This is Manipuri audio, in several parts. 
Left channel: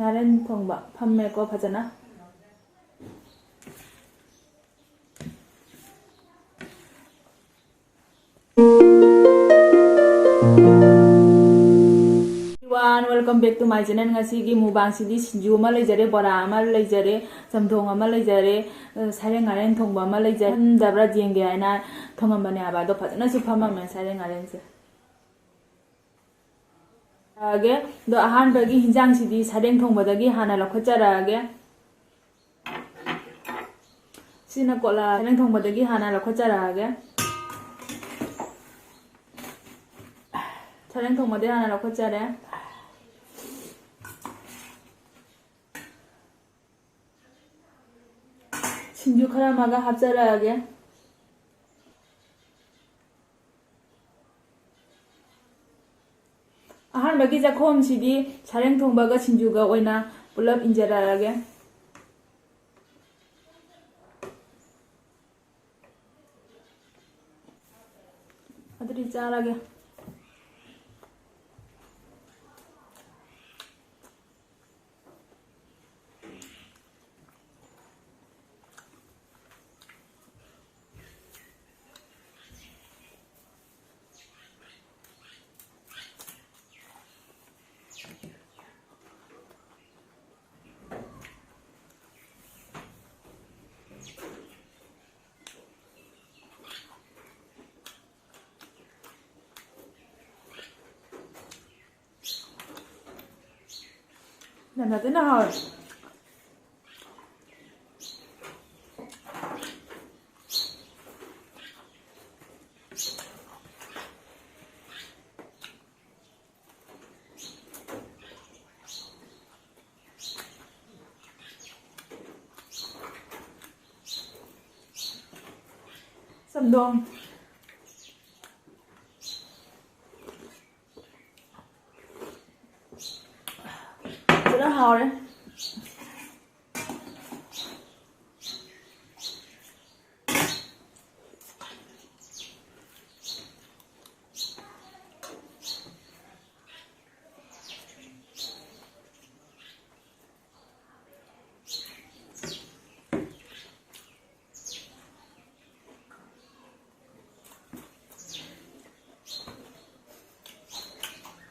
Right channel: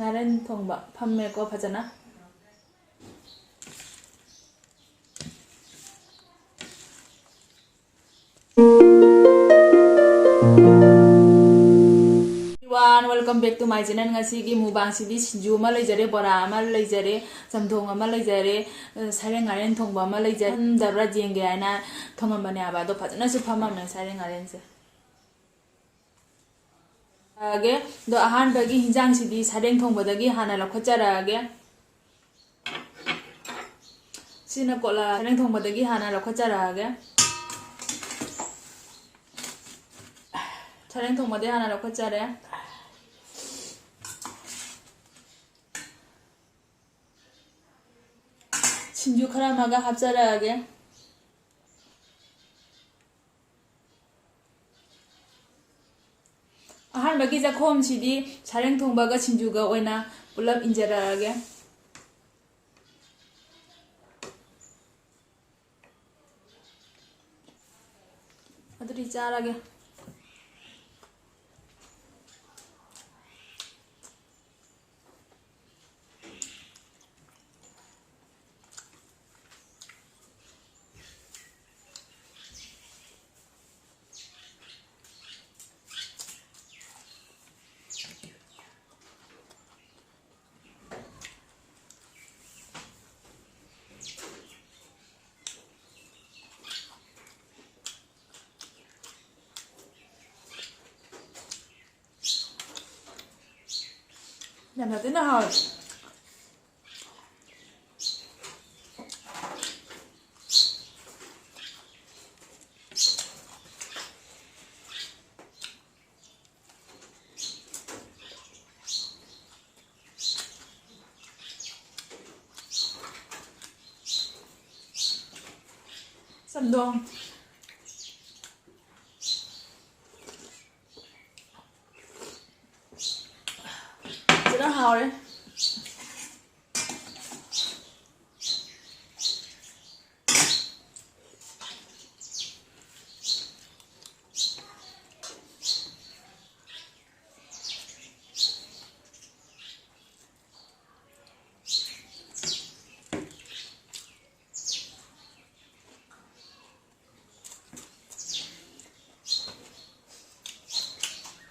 ꯉꯥꯔꯦꯟ ꯊꯣꯡꯕ ꯐꯝꯃꯦꯀꯣ ꯐꯖꯅ welcome back to my channel ngasi mubang sidi sinju ama leijare bora ama leijare samthong ama leijare sareng ngaren thongba ama leijare dabra jenge aina thongambane aba do phajana su phamamne sareng ngaren se age do ahan bagi hinjang sidi sareng thongba dagi hana lokhachara age sina kola sareng thongba dagi hana lokhachara age sareng thongba de hana lokhachare 신주 카라마가 합자라하게 아한바기 자콤 시디 사랭 통바가 신주가 오이나 불랍 인자라하게 아들이 짜라게 làm nào tới nào rồi sầm đoan nó hào đấy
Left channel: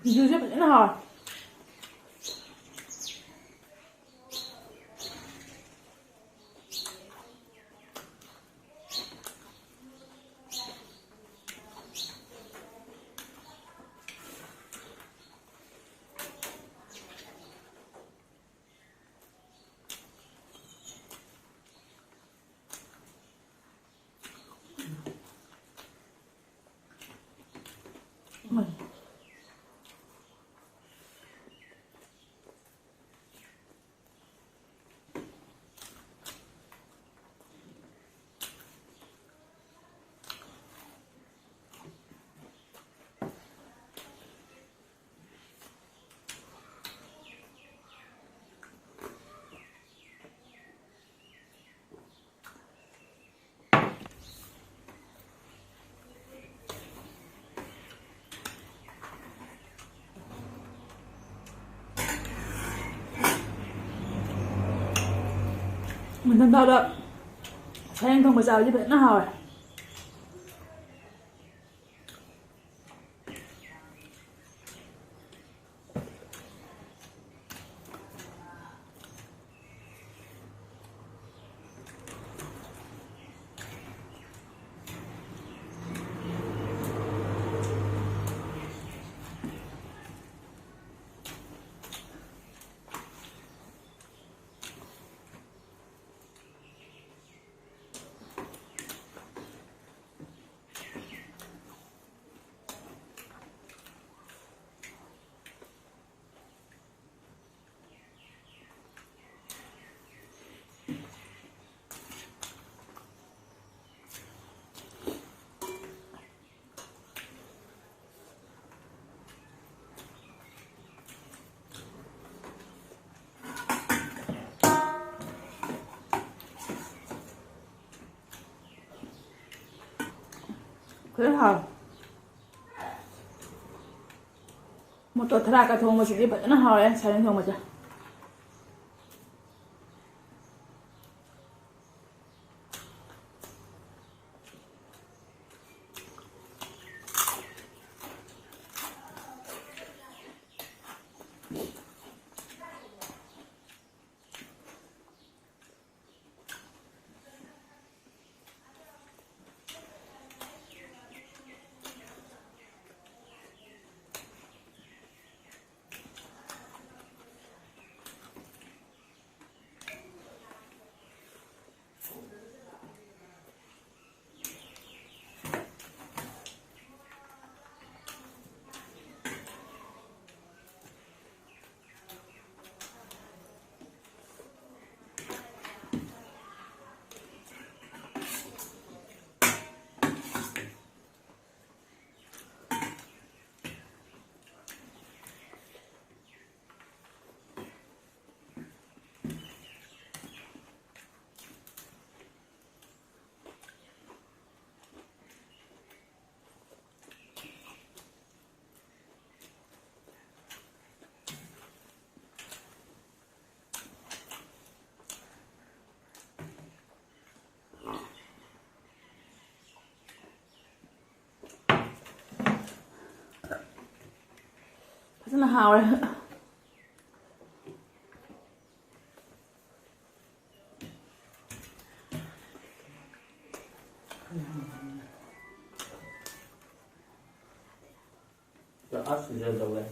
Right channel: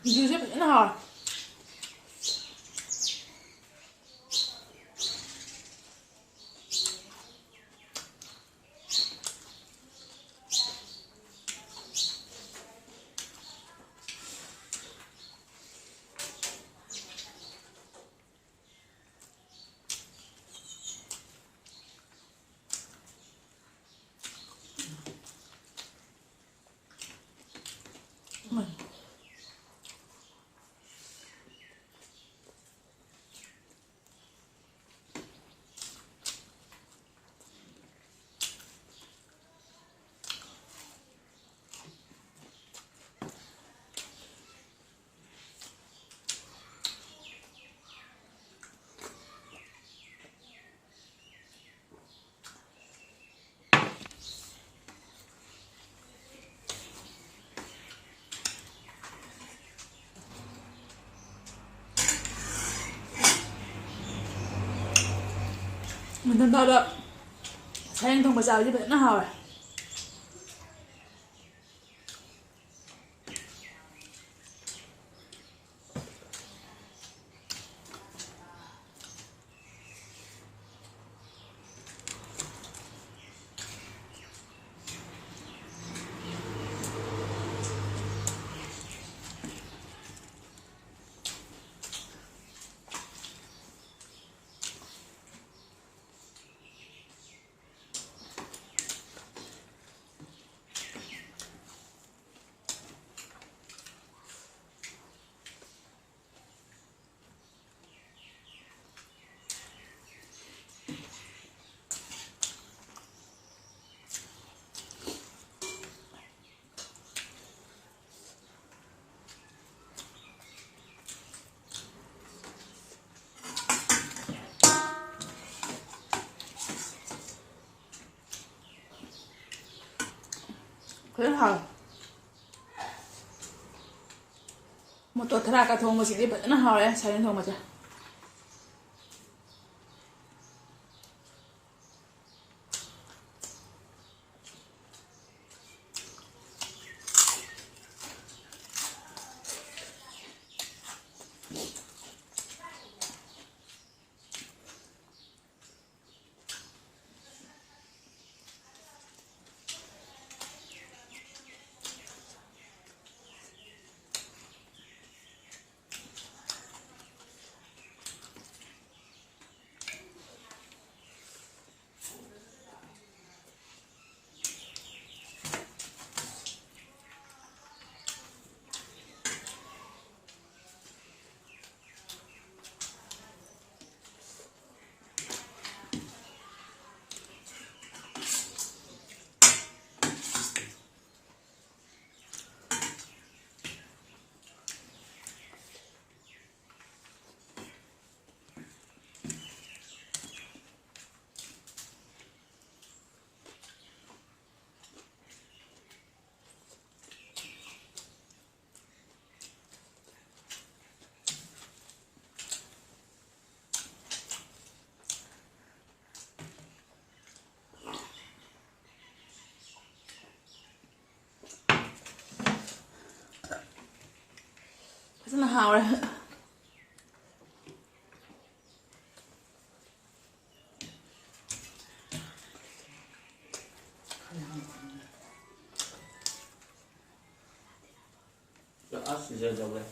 dưa sẽ phải nó hào mình thân thao đó thấy anh không có sao chứ vậy nó hào à 그래 hào một tuần thà cả thùng mà chỉ đi bận nó hào đấy sai đến thùng mà chưa ꯍꯥꯎꯔꯦ As giờ đâu đây?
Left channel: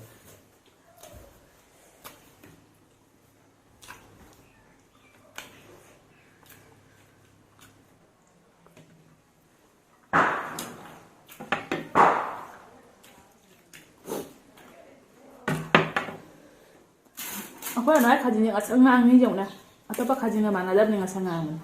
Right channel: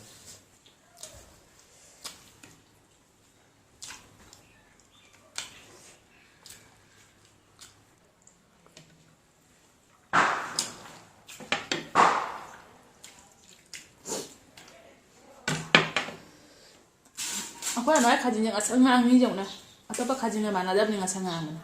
Aku nói khá chính là sang ngang như vậy này, atau apa khá chính là mana ada dengan sang ngang này.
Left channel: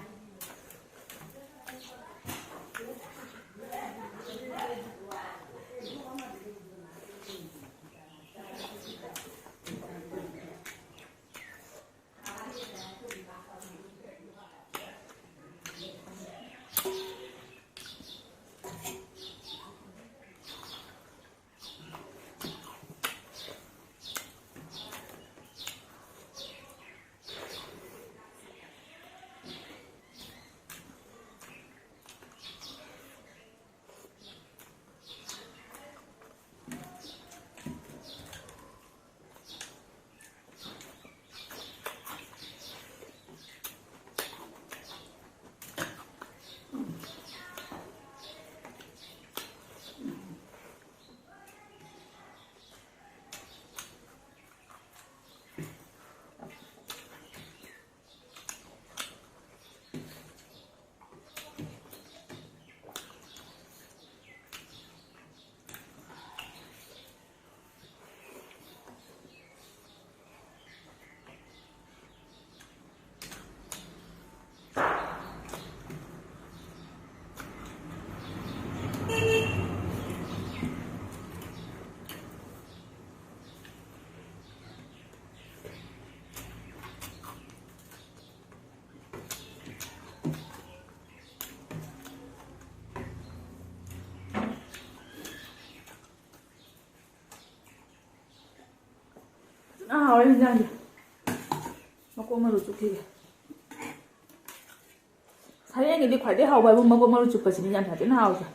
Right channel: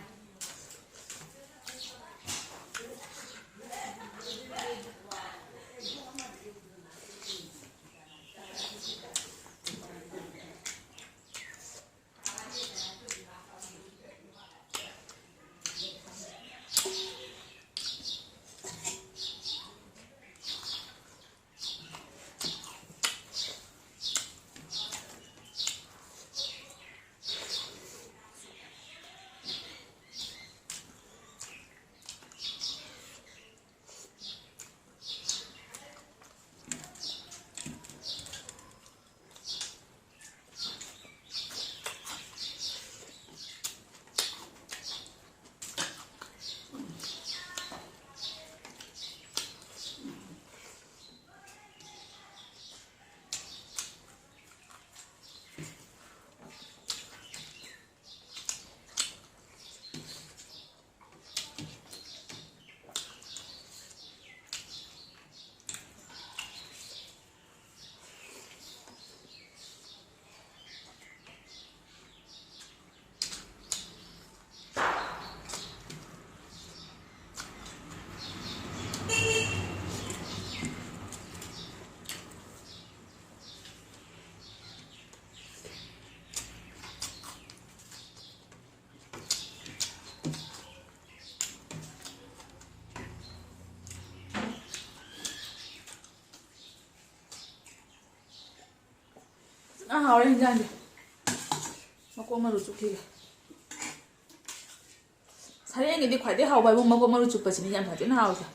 Hào lên ra kìa. Mà cô mà rụt chụp kìa. Sao anh đi khỏi đấy hào bài mà cô mà rụt chụp bởi chỉ nhận phải thế nào kìa.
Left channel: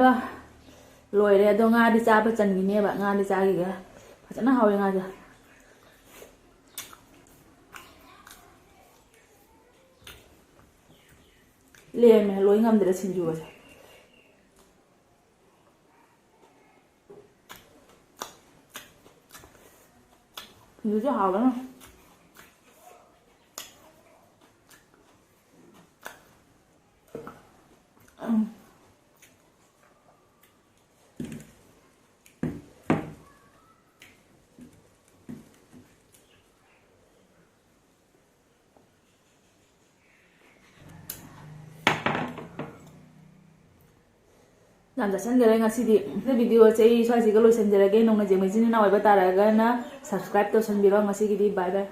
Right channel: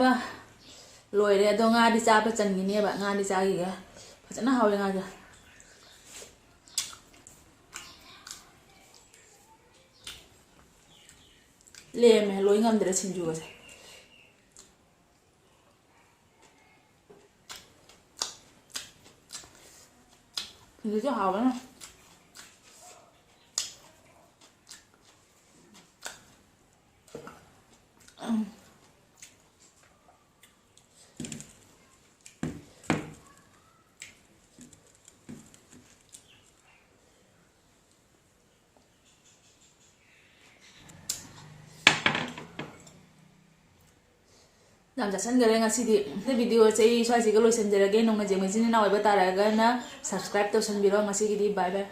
Ba lôi rồi đó nga đi cha ba chân gì nè bạn nga đi cha gì kìa phải chắc nó hào nga kìa lê mày lôi ngâm để xin chú vậy thì cho hào lắm làm giả sẵn cái này thì video sẽ xoay gì cái lối xem giờ cái nông này chỉ mình xin nào vậy ta là cái na subscribe tôi sẵn video ngay khi đi bye bye